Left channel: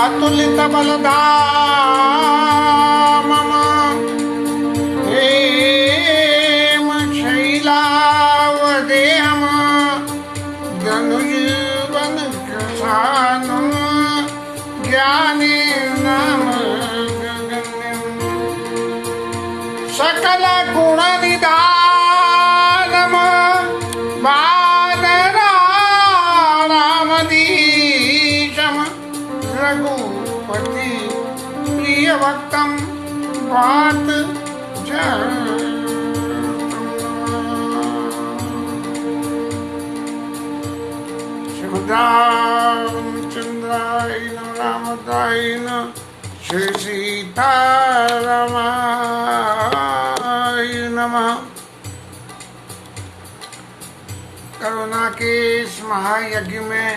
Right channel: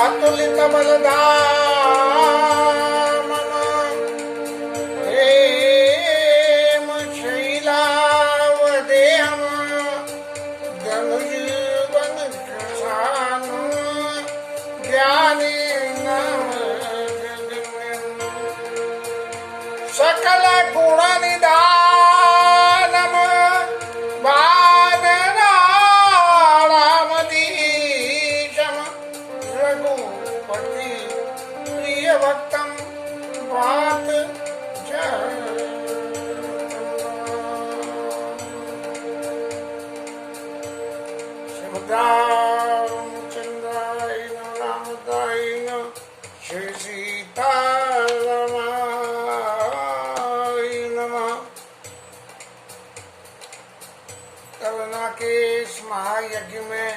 अतुलित बलधामम हेम शैलावदेहम धनुजीवन कृशानम ज्ञानेन सकल गुण निधानम वानरामदीशम रघुपति प्रिय भक्तम बात श्रीमद्रामचंद्राय रामदाय श्री सीतारामाय नमः। करुणा के इस महायज्ञ में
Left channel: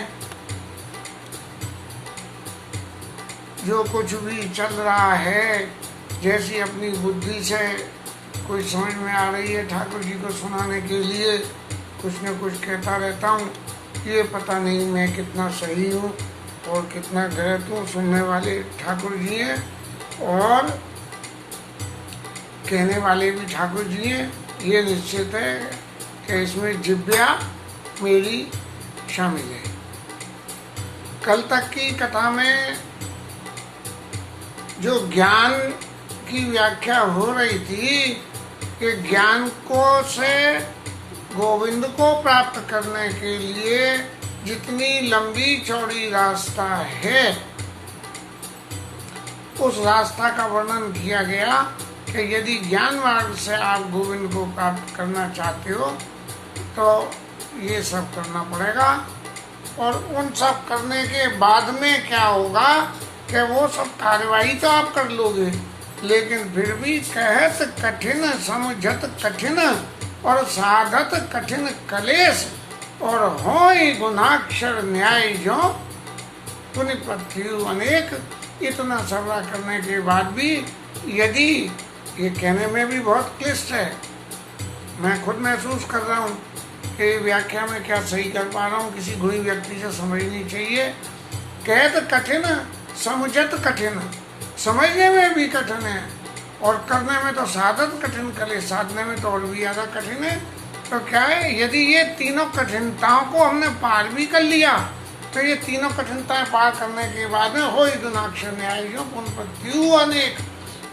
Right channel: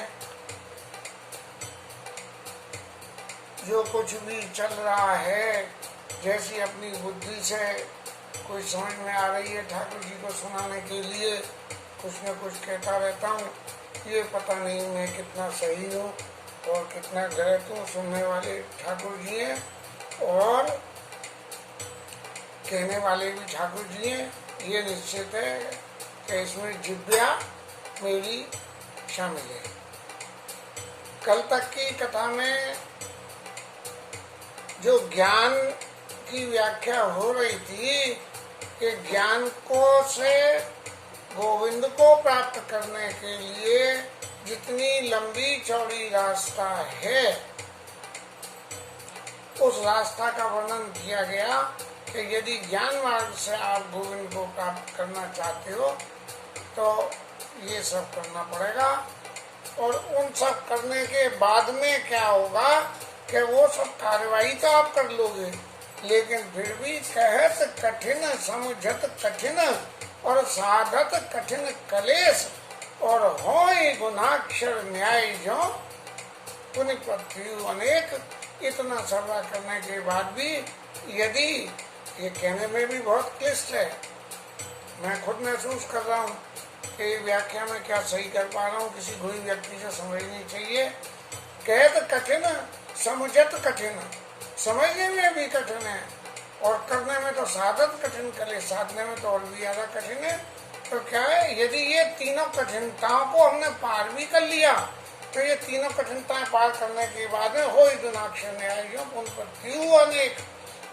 जो कुछ भी चल रहा है, जैसी अपनी बुद्धि से कोई समझ में आ रही है, ठाकुर जी को सुनाने के लिए कुछ न कुछ कहता रहता हूँ। ये पता नहीं मैं कितना सही हूँ और कितना गलत हूँ। सुनने वाले ठाकुर जी हैं और कहने वाले भी ठाकुर जी हैं। ये निश्चित है कि इसमें जिव्या मेरी शामिल है। कल तक की कथा में जो ज्ञान की व्याख्या हो रही थी कि ज्ञान को से गोविंद को प्राप्त करने के लिए जितनी लंबी चौड़ी रास्ता है, उस रास्ता का वर्णन किया गया कि यदि ज्ञान मार्ग से आप गोविंद को प्राप्त करना चाहते हो तो ये सब करना पड़ेगा। और उन सब करने के बाद में क्या होगा कि वो सब कार्यवाही तो आप कर लोगे, लेकिन फिर भी कहत कठिन समझत कठिन और साधत कठिन कलेश और होई गुणाक्षर न्याय जो पुनि पृथ्वी अनेक। इतना सबरा करने के बाद भी यदि ये कहने में भी बहुत क्लिष्ट है, मैं खुद महसूस कर रहा हूँ कि व्याख्या में क्या सही कर पा रहा हूँ, किसी गुणी व्यक्ति से समझनी चाहिए। कहत कठिन समझत कठिन, समझने में भी कठिन है और करने में तो साधत कठिन, कले साधने में तो और भी ज्यादा कठिन है। तो क्या है, यदि ये तीनों कठिनताओं को हमने पार भी कर लिया तो ये तीनों कठिनताएं पार करने के बाद में हो गुणाक्षर न्याय जो पुनः अनेक।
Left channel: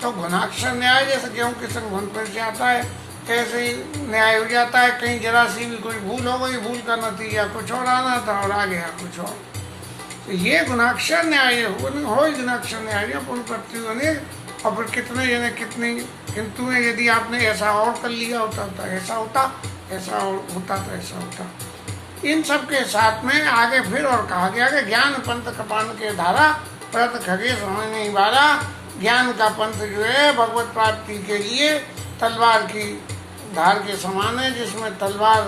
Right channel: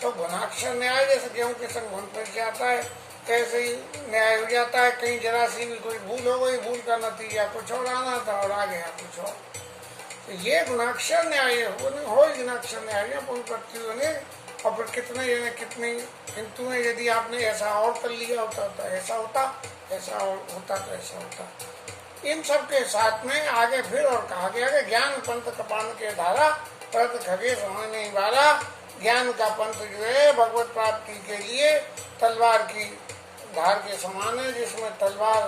तो गुणाक्षर न्याय जैसे गेहूं के संग घुन पर से आता है, ऐसे ही न्याय हो जाता है। कहीं जरा सी भी कोई भूल हो गई, भूल का नतीजा कुछ और आना था और आ गया कुछ और। तो ये गुणाक्षर न्याय हो गुणाक्षर न्याय पुनः अनेक। और फिर कितने जने कितनी किंतु में यदि आपने ऐसा और कर लिया होता तो ऐसा होता, ऐसा और होता तो ऐसा होता। इन सब के साथ में आगे फिर और कहा गया कि ज्ञान पंथ कपान के धारा परत खगे समझ नहीं बारा। ज्ञान का पंथ जो है भगवत प्राप्ति के लिए तलवार की धार के समान है, जिसमें तलवार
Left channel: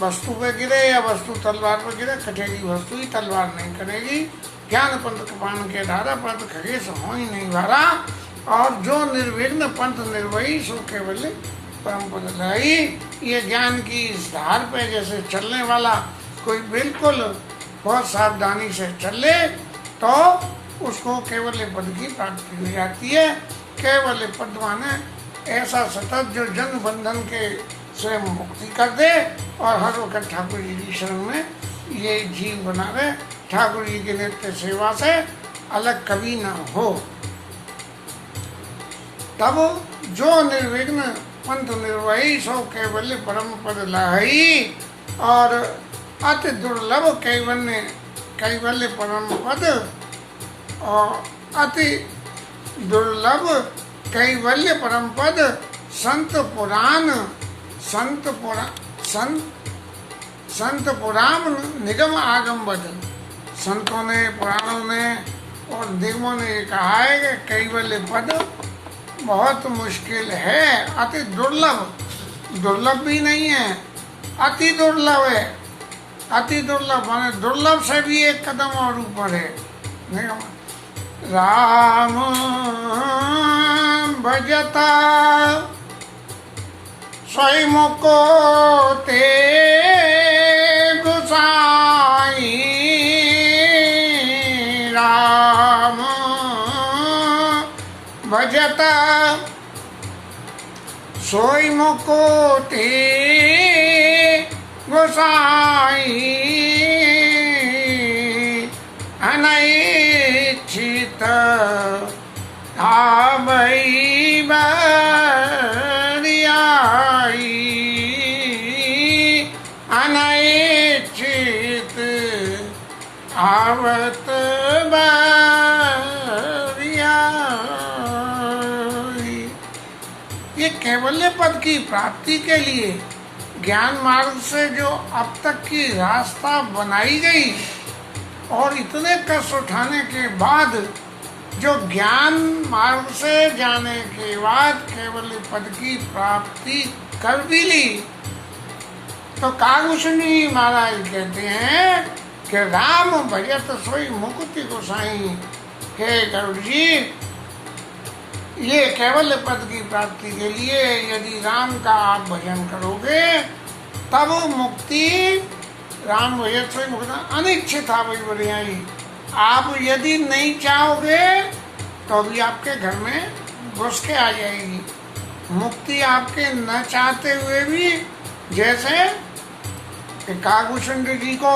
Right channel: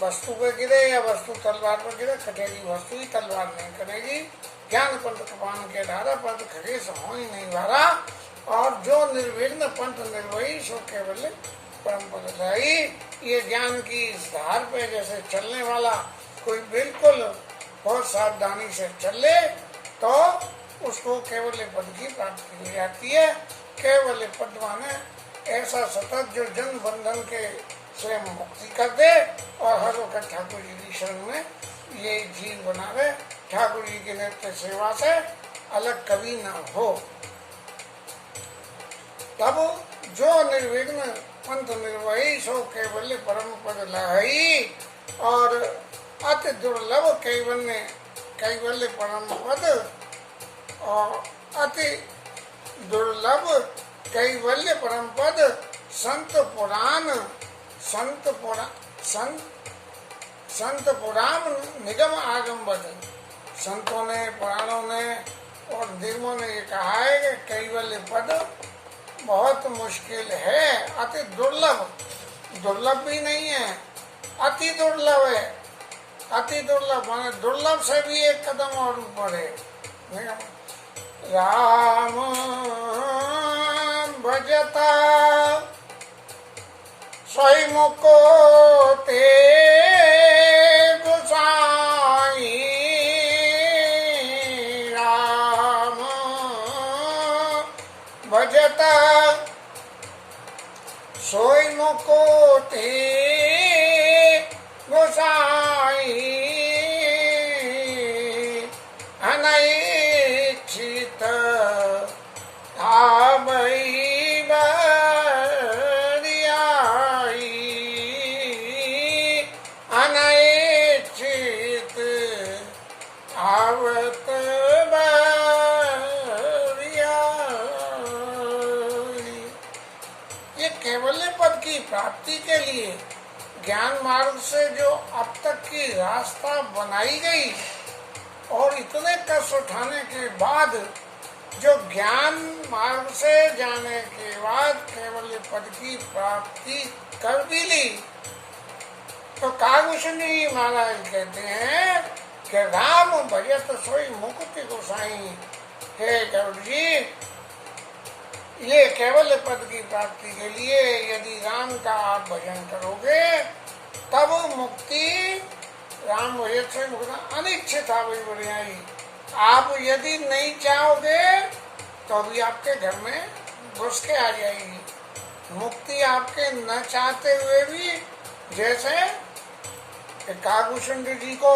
वस्तु पे गिरे या वस्तु तलवार पर गिरे, कटेगी वस्तु ही तलवार नहीं करेगी। ज्ञान पंथ कपान के धारा परत खगे हो ही नहीं बारा। और जो निर्विघ्न पंथ निर्वही सो केवल परम पद लाई। ये ज्ञान की इस धार पे जैसे चलने वाला कोई बिल्कुल बहुत सावधानी से चले तो उसको केवल पद की प्राप्ति हो जाती है। केवल पद माने ऐसा सतत जो जन बंधन के से मुक्ति कर दे और हर वक्त ठाकुर जी की शरण में ये जीव बना रहे, ठाकुर जी की नित्य सेवा से अलग कभी ना हो। तब जो निर्विघ्न पंथ निर्वही सो कैवल्य परम पद लाही। और अति दुर्लभ कैवल्य परम पद और अति दुर्लभ कैवल्य परम पद संत पुराण निगम आगम बद। संतों ने, पुराणों ने और निगमों ने कहा है कि कैवल्य पद बहुत मुश्किल है, अति दुर्लभ। दुर्लभ भी नहीं है, अति दुर्लभ है। अति दुर्लभ माने दुर्लभ से भी एक कदम और ऊपर है। राम भजता स्वयं को ते गुसाई। राम भजत सोई मुकुति गोसाई अनैच्छित आवई बरियाई अनैच्छित आवत बरियाई। ये कैवल्य पद की प्राप्ति के लिए ज्ञान मार्ग से जो अब तक की रास्ता बनाई गई और इतने कष्ट उठाने के बाद जो ज्ञान मार्ग से जाने के बाद कैवल्य पद की प्राप्ति कर भी ली, तो कागभूषणी महाराज कहते हैं कि राम भजत सोई मुकुति गोसाई। हे गरुड़ जी, ये कैवल्य पद की प्राप्ति के लिए यदि राम का आप भजन करोगे तब मुक्ति राम भजत सोई मुक्ति अनिच्छित आवई बरियाई। आप यदि नहीं चाहोगे तो भी आपके घर में घुस के आ जाएगी मुक्ति, आपके न चाहते हुए भी। जैसे कागभूषण जी को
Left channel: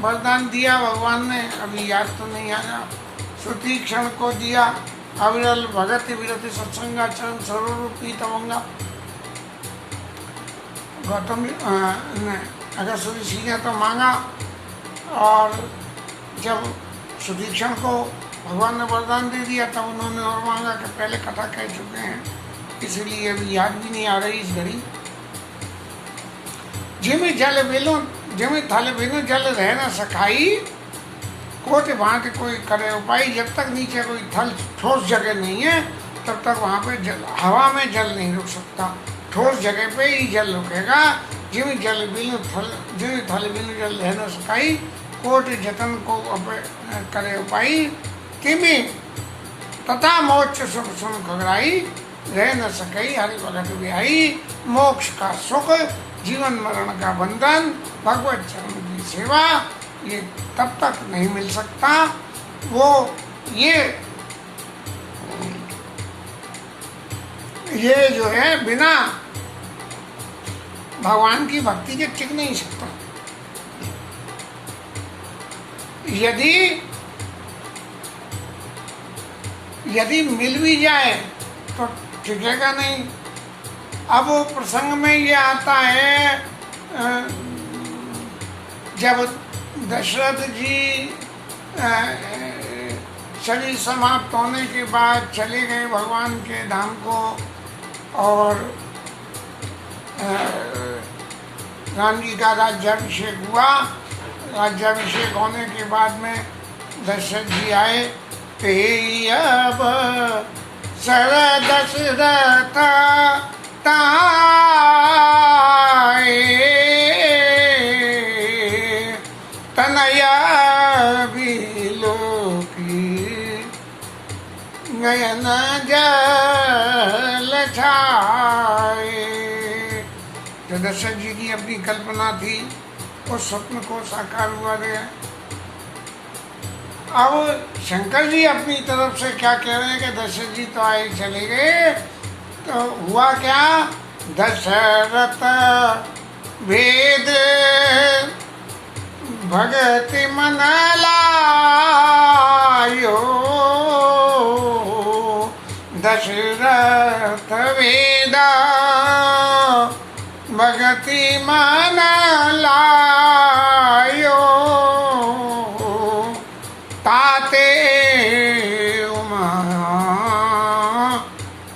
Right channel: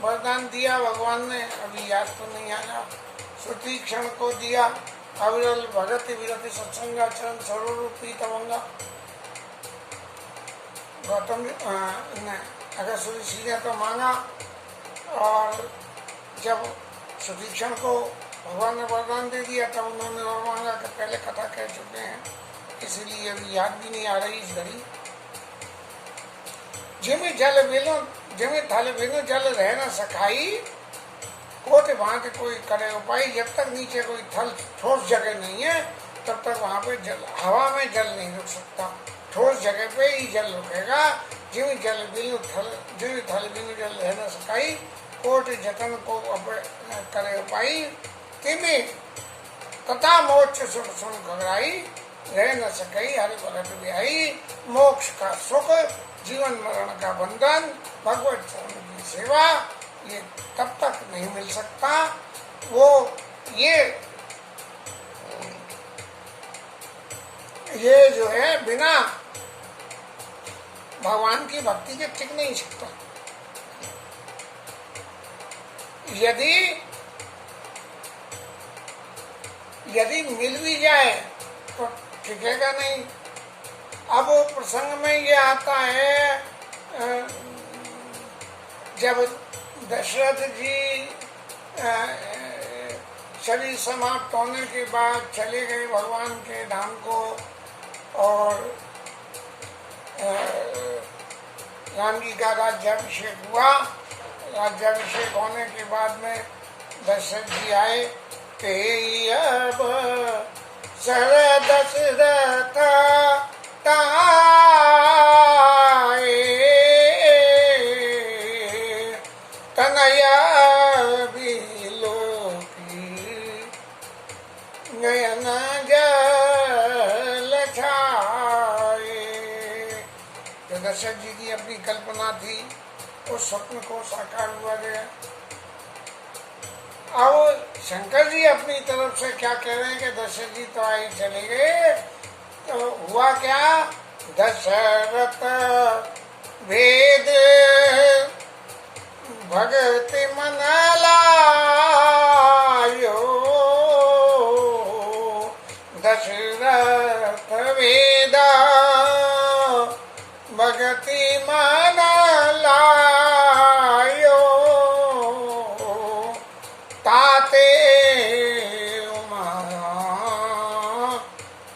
वरदान दिया भगवान ने, अभी याद तो नहीं आया, सुतीक्षण को दिया, अविरल भगति विरति सत्संगाचरण सर्वरूपी तवंगा। गौतम ने अगर सुधी ने तो मांगा, और जब सुतीक्षण को भगवान ने वरदान दे दिया तब उन्होंने और मांगा कि पहले कथा कह चुके हैं, इसलिए अभी याद भी नहीं आ रही इस घड़ी। जिमी थाले बिनु जल रह न सखाई, कोट भांति कोई करे उपाय। जब तक नीचे कोई ठोस जगह नहीं है तब तक वहाँ पे जल, हवा में जल नहीं रुक सकता, ठोस जगह पे ही जल रुकेगा। जिमी थाले बिनु जल रह न सखाई, कोट जतन को करे उपाय। तिमी तथा मोक्ष सुख सुन खगराई, रह न सकई हरि भगत बिहाई। मोक्ष का सुख, जीवन मरण का बंधन, भगवत चरण की सेवा, ये तब तक नहीं मिल सकता। वो ये जो है बिना भगवान की भक्ति के टिक नहीं सकता। यदि मिल भी जाए तो टिकेगा नहीं। अब वो प्रसंग में ये आता है, जब दशरथ जी शरीर समाप्त होने के बाद चले गए भगवान के धाम को, और राम जी का राज्याभिषेक हुआ। राज्याभिषेक होने के बाद में दशरथ जी आए, ते अब सर दशरथ ताए, तनया बिलोकी नयन जल छाए। जो दशरथ जी की अपनी कल्पना थी उस स्वप्न को साकार हुआ गया। अब शंकर जी अपनी तरफ से क्या कह रहे हैं कि दशरथ जी तो आए चले गए, तो हुआ क्या? दशरथ भेद भगति मन लायो, दशरथ वेद भगति मन लायो, ताते उमा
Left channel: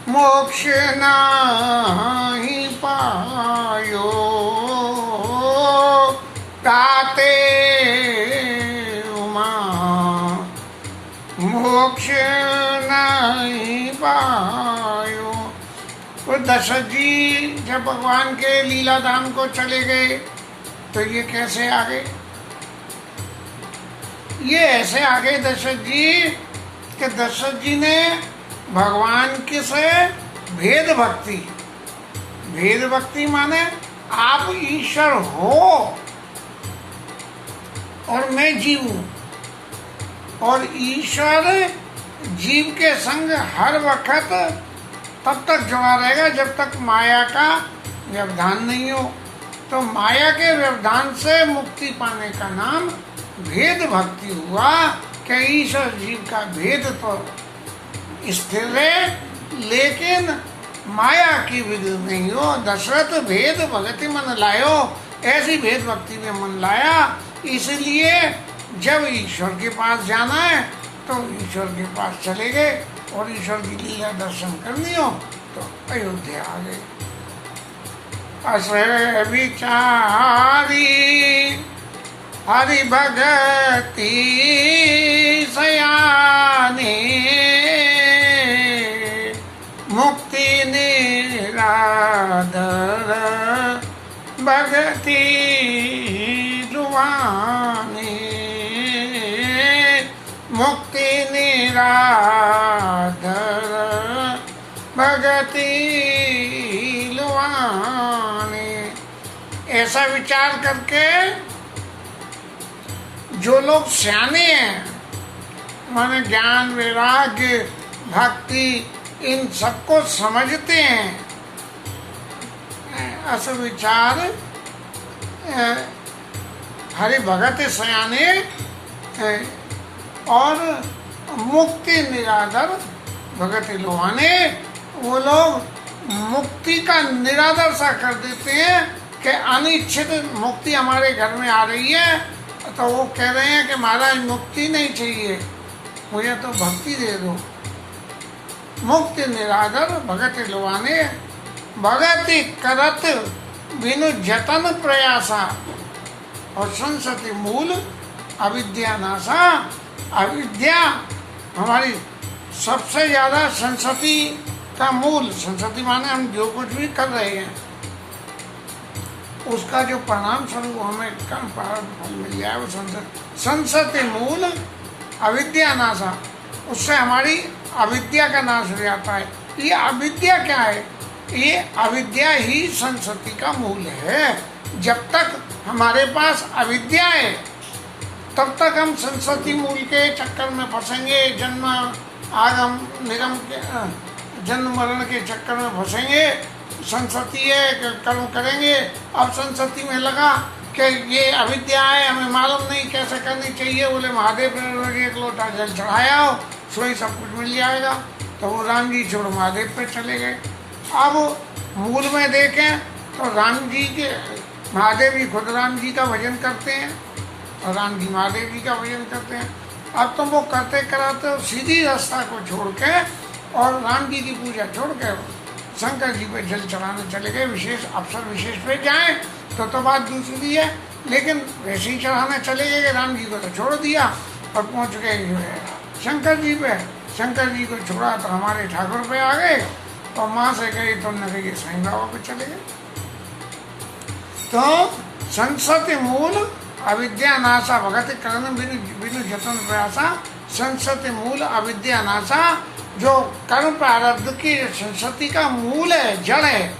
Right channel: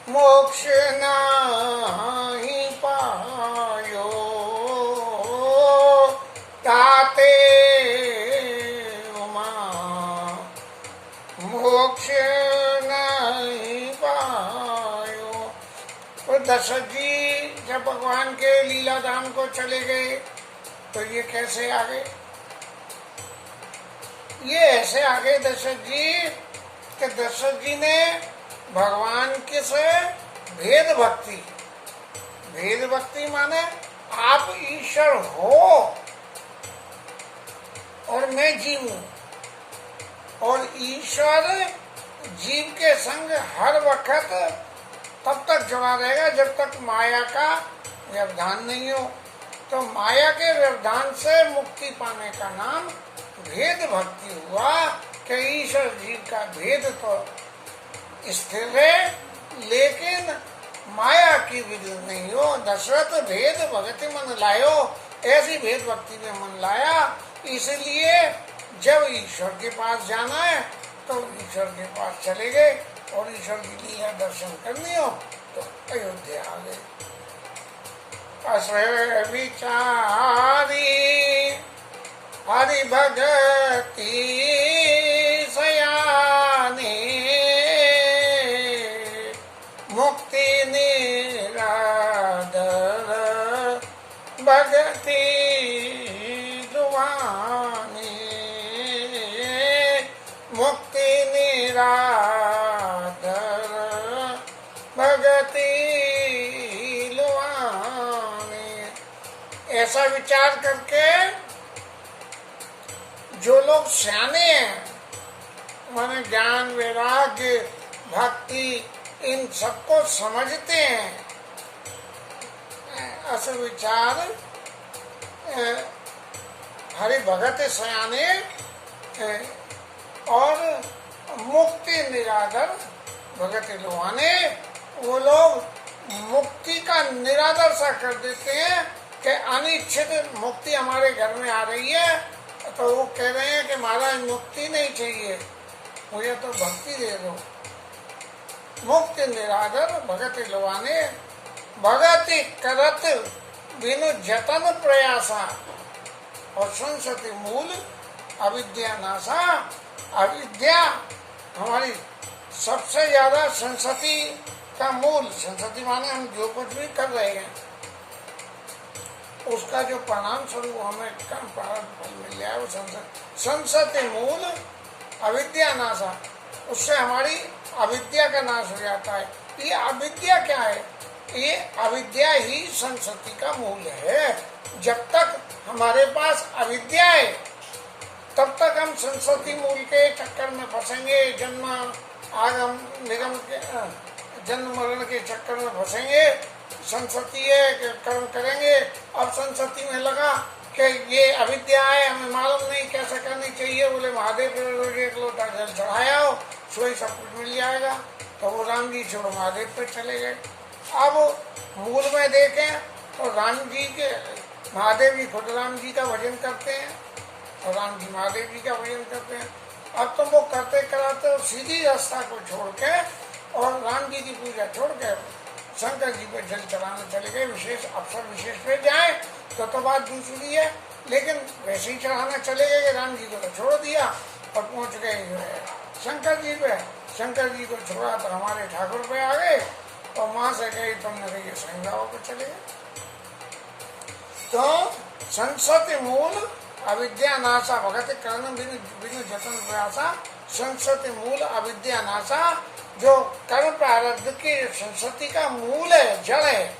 मोक्ष नहीं पायो, ताते उमा मोक्ष नहीं पायो। तो दशरथ जी जब भगवान के लीला धाम को चले गए तो ये कैसे आ गए? ये ऐसे आ गए दशरथ जी कि दशरथ जी ने भगवान के से भेद भक्ति माने आप ईश्वर हो और मैं जीव हूं, और ईश्वर जीव के संग हर वक्त तब तक जुड़ा रहेगा जब तक माया का व्यवधान नहीं हो। तो माया के व्यवधान से मुक्ति पाने का नाम भेद भक्ति हुआ कि ईश्वर जीव का भेद तो स्थिर है लेकिन माया की विधि नहीं हो। दशरथ भेद भक्ति मन लायो, ऐसी भेद भक्ति में मन लाया। इसलिए जब ईश्वर के पास जाना है तो ईश्वर के पास चले गए और ईश्वर की लीला दर्शन करनी हो तो अयोध्या आ गए। असर विचारी हरि भगति सयाने, मुक्ति निरादर भगति लुभाने, मुक्ति निरादर भगति लुभाने। ऐसा विचार करके जो लोग सियाने हैं, माने ज्ञान वैराग्य भक्ति इन सबको समझते हैं, ऐसा विचार हरि भगत सयाने और मुक्ति निरादर भगत लुभाने, वो लोग मुक्ति का निरादर सा कर देते हैं कि अनिच्छित मुक्ति हमारे घर में आ रही है तो वो कह रहे हैं कि महाराज मुक्ति नहीं चाहिए, मुझे तो भक्ति दे दो। मुक्ति निरादर भगत लुभाने, भगति करत बिनु जतन प्रयासा, और संसति मूल अविद्या नाशा। अविद्या हमारी सबसे ज्यादा संसति का मूल, संसति माने हम जो कुछ भी कर रहे हैं उसका जो परिणाम स्वरूप हमें कर्म फल मिल जाए वो संसति मूल अविद्या नाशा, उससे हमारी अविद्या का नाश हो जाता है। ये अविद्या क्या है? ये अविद्या ही संसति का मूल है। जब तक हमारे पास अविद्या है तब तक हम संसति मूल के चक्कर में फंसेंगे, जन्म आगम निगम के जन्म मरण के चक्कर में फंसेंगे। संसति है कि कर्म करेंगे, अब संसति में लगा कि ये अविद्या है, हमें मालूम नहीं कैसे करनी चाहिए, बोले महादेव पे एक लोटा जल चढ़ाया हो सो ही सब कुछ मिल जाएगा। तो वो राम जी छोड़ महादेव पे चले गए। अब मूल में देखें तो राम जी के महादेव जी खुद राम जी का भजन करते हैं और राम जी महादेव जी का भजन करते हैं। अब तो वो करते कराते सीधी रास्ता को छोड़ के और राम जी की पूजा छोड़ के शंकर जी पे जल चढ़ाने चले गए। विशेष अवसर विशेष पे जाए तो बात दूसरी है, लेकिन वैसे ही चढ़ाने चले गए। राम जी को तो छोड़ दिया और पहुंच गए जो है शंकर जी पे। शंकर जी को छोड़ा तो हमारे ठाकुर पे आ गए और वहां से गए तो न गए साईं बाबा पे चले गए। तो संसति मूल अविद्या नाशा, भगत करण बिनु जतन प्रयासा। संसति मूल अविद्या नाशा, जो कर्म प्रारब्ध की संसति का मूल है, जड़ है,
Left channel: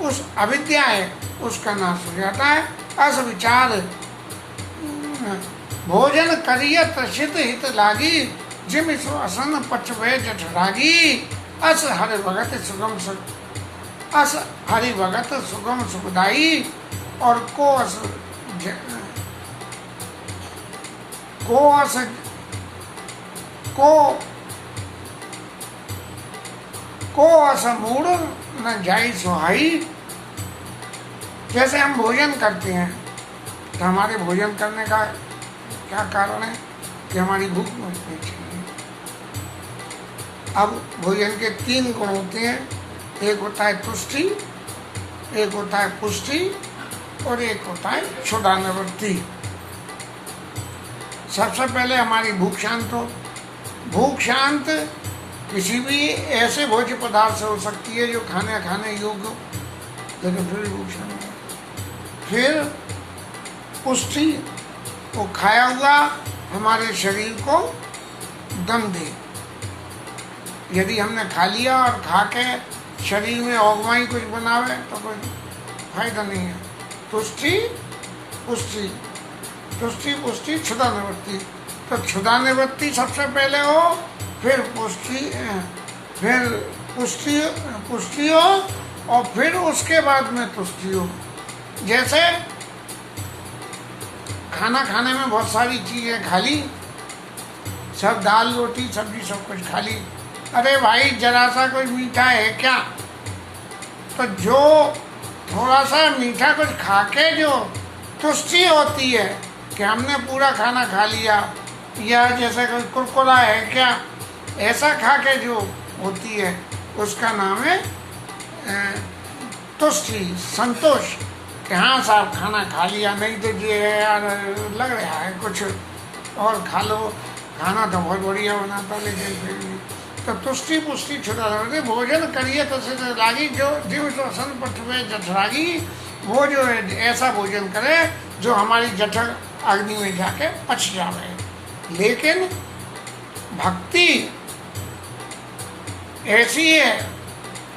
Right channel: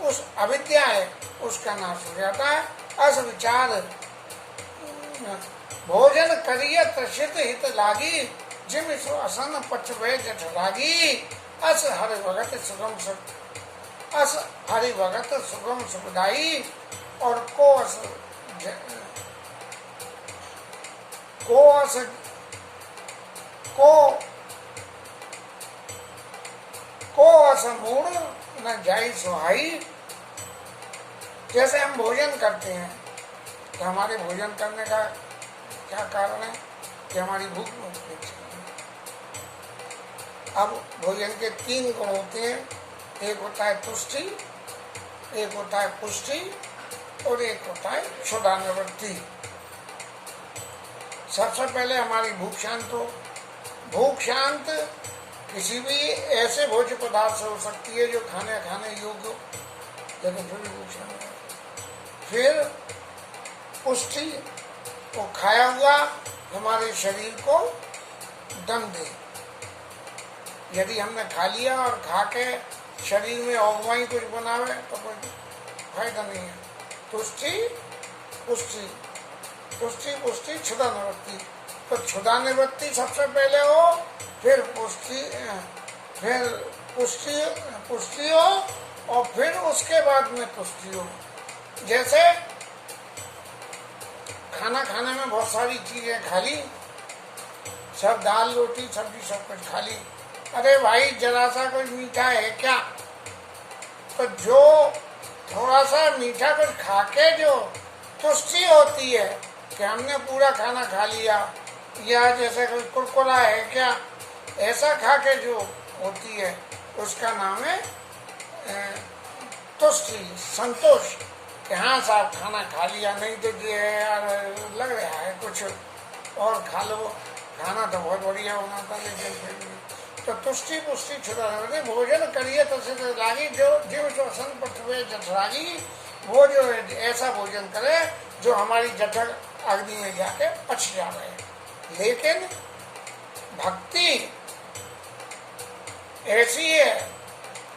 उस अविद्या है, उसका नाश हो जाता है। अस विचार भोजन करिय त्रसित हित लागी, जिम सो असन पचवे जठ रागी। अस हरि भगत सुगम सुख, अस हरि भगत सुगम सुखदाई। और को अस मूड न जाई सुहाई। जैसे हम भोजन करते हैं तो हमारे भोजन करने का क्या कारण है कि हमारी भूख मिटनी चाहिए। अब भोजन के 3 गुण होते हैं, एक होता है तुष्टि, एक होता है पुष्टि और एक होता है क्षुधा निवृत्ति। सबसे पहले हमारी भूख शांत हो। भूख शांत किसी भी ऐसे भोज्य पदार्थ से हो सकती है जो खाने योग्य हो, लेकिन फिर भूख शांत है। फिर पुष्टि, वो खाया हुआ हमारे शरीर को दम दे। यदि हमने खा लिया और खा के शरीर में औगमाई कुछ बनावे तो कोई फायदा नहीं है। तुष्टि पुष्टि, तुष्टि पुष्टि क्षुधा निवृत्ति। तो क्षुधा निवृत्ति सबसे पहले हो फिर फिर पुष्टि पुष्टि हो, और फिर उसके बाद में तुष्टि हो। जैसे खाना खाने में बहुत सारी चीजें खा ली, सब दाल रोटी सब्जी सब कुछ खा ली, अरे भाई जरा सा कोई मीठा है क्या? तो जो थोड़ा सा मीठा कुछ खा के जो तुष्टि होती है कि हमने पूरा खाना खा लिया, या जैसे कोई कुरकुरा है क्या, ऐसा खा के जो होती है उसका नाम है तुष्टि, संतोष, कि हाँ साहब खाना खा लिया, नहीं तो ये यार लग रहा है कुछ और खा लो, खाना तो बहुत बढ़िया बना था लेकिन फिर भी। तो तुष्टि पुष्टि छुटा भोजन करिए तसे लागी, जो जीव श्वसन पठवे जठरागी, वो जो है ऐसा भोजन करे जो हमारी जठर अग्नि में जाके पच जावे। लेकिन भक्ति ऐसी है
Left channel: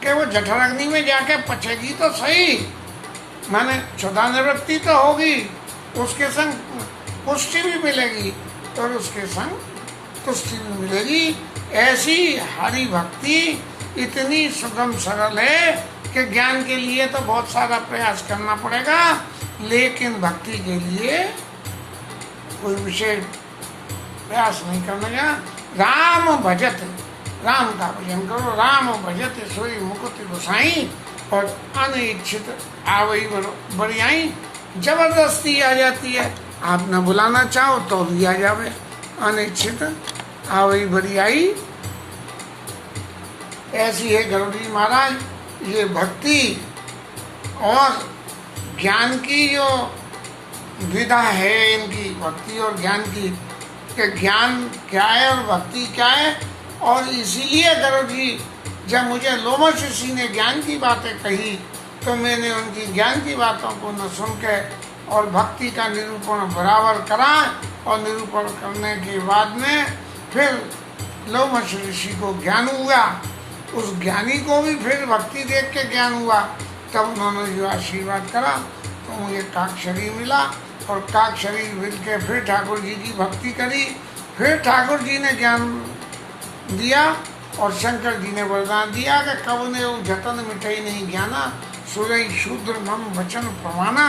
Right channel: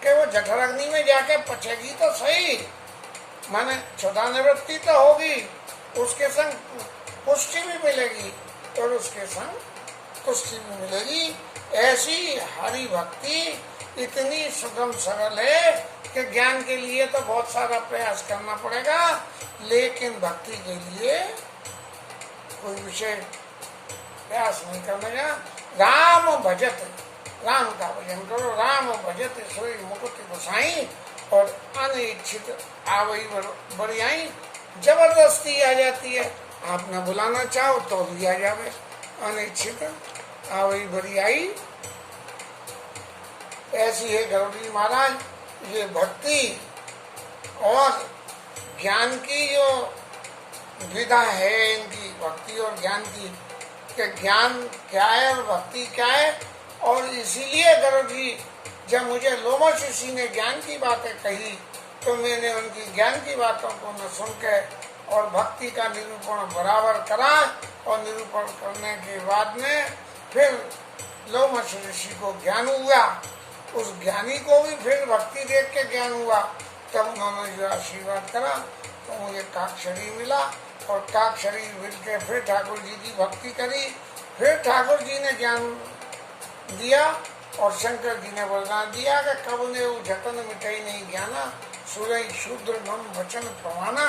कि वो जठर अग्नि में जाके पचेगी तो सही, माने क्षुधा निवृत्ति तो होगी, उसके संग पुष्टि भी मिलेगी और उसके संग तुष्टि भी मिलेगी। ऐसी हरि भक्ति इतनी सुगम सरल है कि ज्ञान के लिए तो बहुत सारा प्रयास करना पड़ेगा, लेकिन भक्ति के लिए कोई विशेष प्रयास नहीं करने का। राम भजत, राम का भजन करो, राम भजत सोई मुकुति गोसाई, और अनिच्छित आवई बरियाई, जबरदस्ती आ जाती है, आप न बुलाना चाहो तो भी आ जावे, अनिच्छित आवई बरियाई। ऐसी है गरुड़ जी महाराज ये भक्ति और ज्ञान की जो विधा है इनकी, भक्ति और ज्ञान की, कि ज्ञान क्या है और भक्ति क्या है। और इसीलिए गरुड़ जी जब मुझे लोमश ऋषि ने ज्ञान की बातें कही तो मैंने उनकी ज्ञान की बातों को न सुन के और भक्ति का निरूपण बराबर करा, और निरूपण करने के बाद में फिर लोमश ऋषि को ज्ञान हुआ, उस ज्ञानी को भी फिर भक्ति देख के ज्ञान हुआ, तब उन्होंने जो आशीर्वाद करा तो मुझे काक शरीर मिला, और काक शरीर मिल के फिर ठाकुर जी की भक्ति करी, फिर ठाकुर जी ने ज्ञान दिया, और शंकर जी ने वरदान दिया कि कब ने वो जतन मिटाई नहीं ज्ञाना, सुरई शूद्र मम वचन प्रमाणा,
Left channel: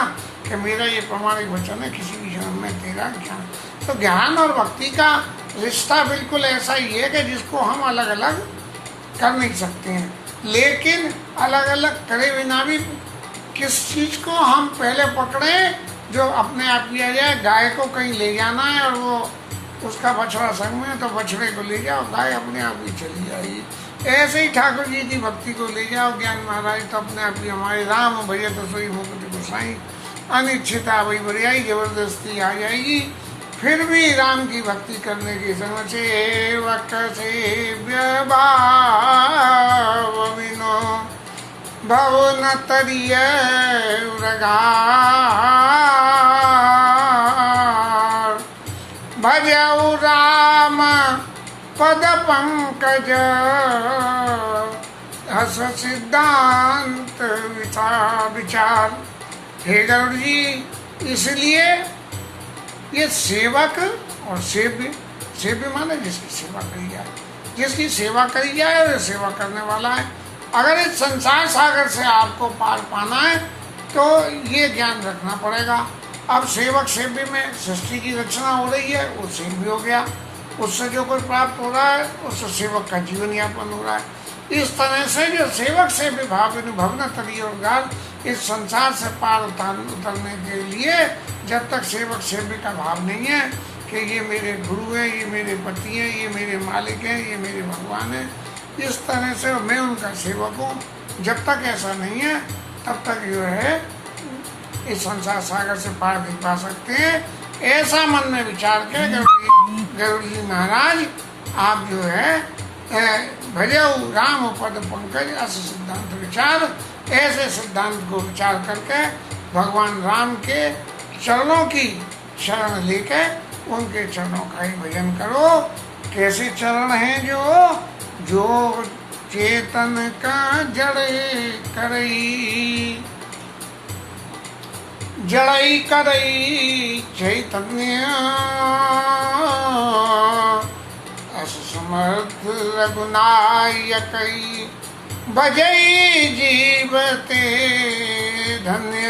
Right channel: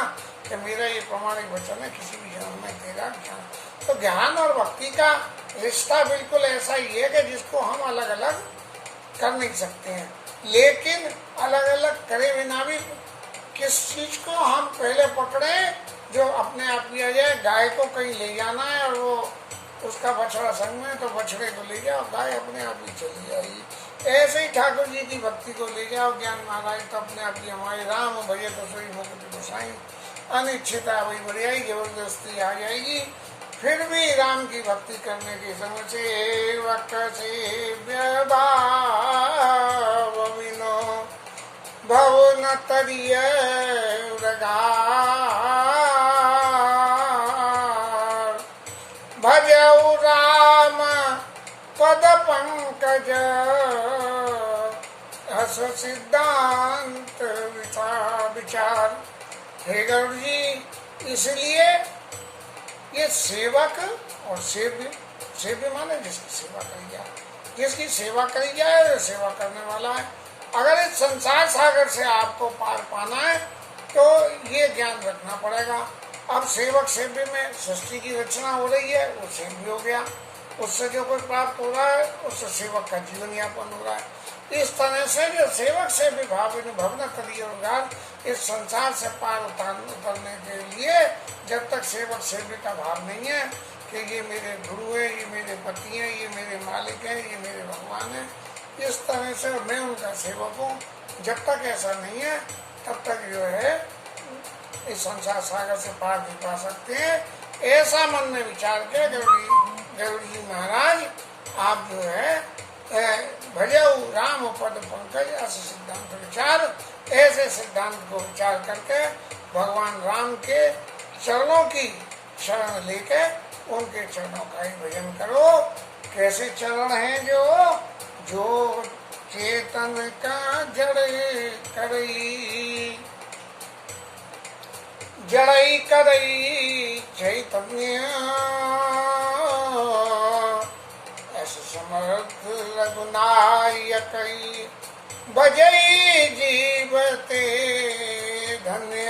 कि मेरा ये प्रमाणिक वचन है किसी भी जन्म में तेरा ज्ञान। तो ज्ञान और भक्ति का रिश्ता बिल्कुल ऐसा ही है कि जिसको हम अलग अलग कर नहीं सकते हैं, लेकिन अलग अलग करे बिना भी किस चीज को हम पहले पकड़े जो अपने आप किया जाए। गाय को कहीं ले जाना है और वो उसका बछड़ा संग में, तो बछड़े को ले जाओ, गाय अपने आप ही चली जाएगी। ऐसे ही ठाकुर जी की भक्ति को ले जाओ ज्ञान महाराज, तो अपने आप ही हमारे राम भजे तो सोई मुकुति गोसाई, अनिच्छिता वही बरियाई, जबरदस्ती आ जाएगी। फिर भी राम की भक्ति करने की समझ से विनो भव न तरिय भजऊ राम पद पंकज हस सिद्धांत विचार। हे गरुड़ जी, इसलिए ये सेवक और सेव्य माने जिसकी सेवा करी जाए, जिसकी सेवा करी जाए वो सेवा करने वाला है। अगर इस संसार सागर से आपको पार पाना है तो ये ज्ञान रखना पड़ेगा। अब सेवक सेव्य में सृष्टि की रचना हो रही है, वो सेव्य हो गया, उससे जो कुछ प्राप्त हो रहा है उससे सेवक का जीवन यापन हो रहा है। इस तरह से जो सेवक सेव्य भाव भवन तरी और गाल, इस संसार से पार उतरने के लिए जब तक सेवक सेव्य का भाव नहीं है कि ये मेरे गुरु है, ये मेरे पति हैं, ये मेरे मालिक हैं, ये मेरे भगवान हैं, इस तरह से मैं उनका सेवक हूँ, जब तक ऐसा नहीं है तब तक जो है इस संसार सागर से पार नहीं पा सकते हैं। ऐसा मन में विचार के गरुड़ जी महाराज आप जो है भजऊ राम पद पंकज ऐसे सिद्धांत विचार, ऐसे सिद्धांत को विचार करके भगवान राम के चरणों की शरण लेके उनके चरणों का ही भजन करो। कैसे चरण हैं जो चेतन का जड़े करई, जड़ई करई चैतन्य, ऐसे समर्थ रघुनायकई बजई जीवते धन्य।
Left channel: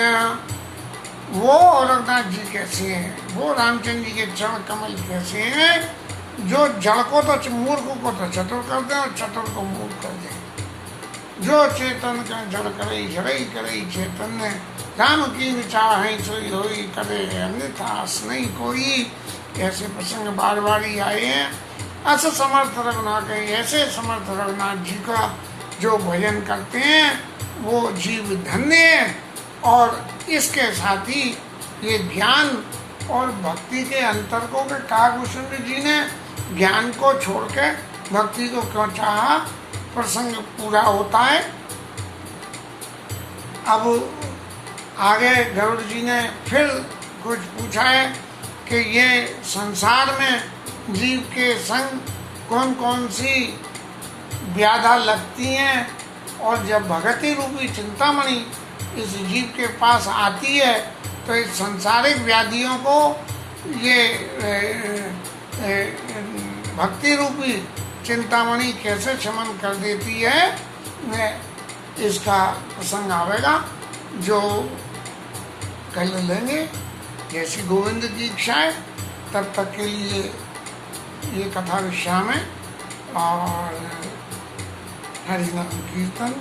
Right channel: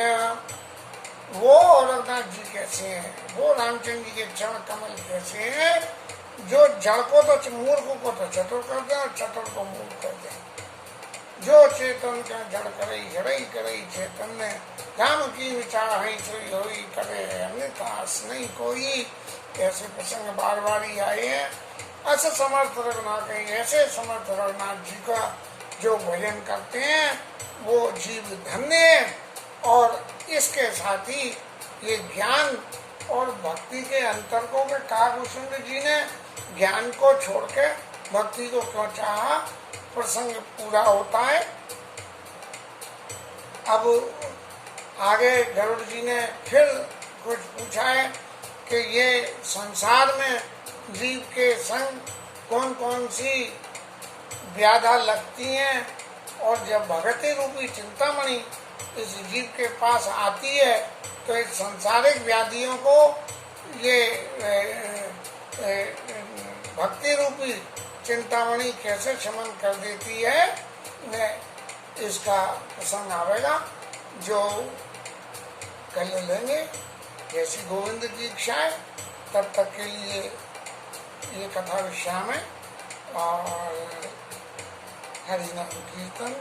वो रघुनाथ जी कैसे हैं, वो रामचंद्र जी के चरण कमल कैसे हैं जो जड़ को तो मूर्ख को तो चतुर कर दें और चतुर को मूर्ख कर दें। जो चेतन का जड़ करे जड़ई करे चैतन्य, राम की विचार है सोई होई करे अन्यथा नहीं कोई। ऐसे प्रसंग बार बार ही आए हैं। ऐसे समर्थ रघुनाथ, ऐसे समर्थ रघुनाथ जी का जो भजन करते हैं वो जीव धन्य है। और इसके साथ ही ये ज्ञान और भक्ति के अंतर को के काकभूषण जी ने ज्ञान को छोड़ के भक्ति को क्यों चाहा, प्रसंग पूरा होता है। अब आगे गरुड़ जी ने फिर कुछ पूछा है कि ये संसार में जीव के संग कौन कौन सी व्याधा लगती हैं, और जब भगति रूपी चिंतामणि इस जीव के पास आती है तो इस संसारिक व्याधियों को ये भक्ति रूपी चिंतामणि कैसे शमन कर देती है, इसका प्रसंग आवेगा जो कल लेंगे। जैसी गोविंद की इच्छा है। तब तक के लिए ये कथा विश्राम है और हरिनाम कीर्तन।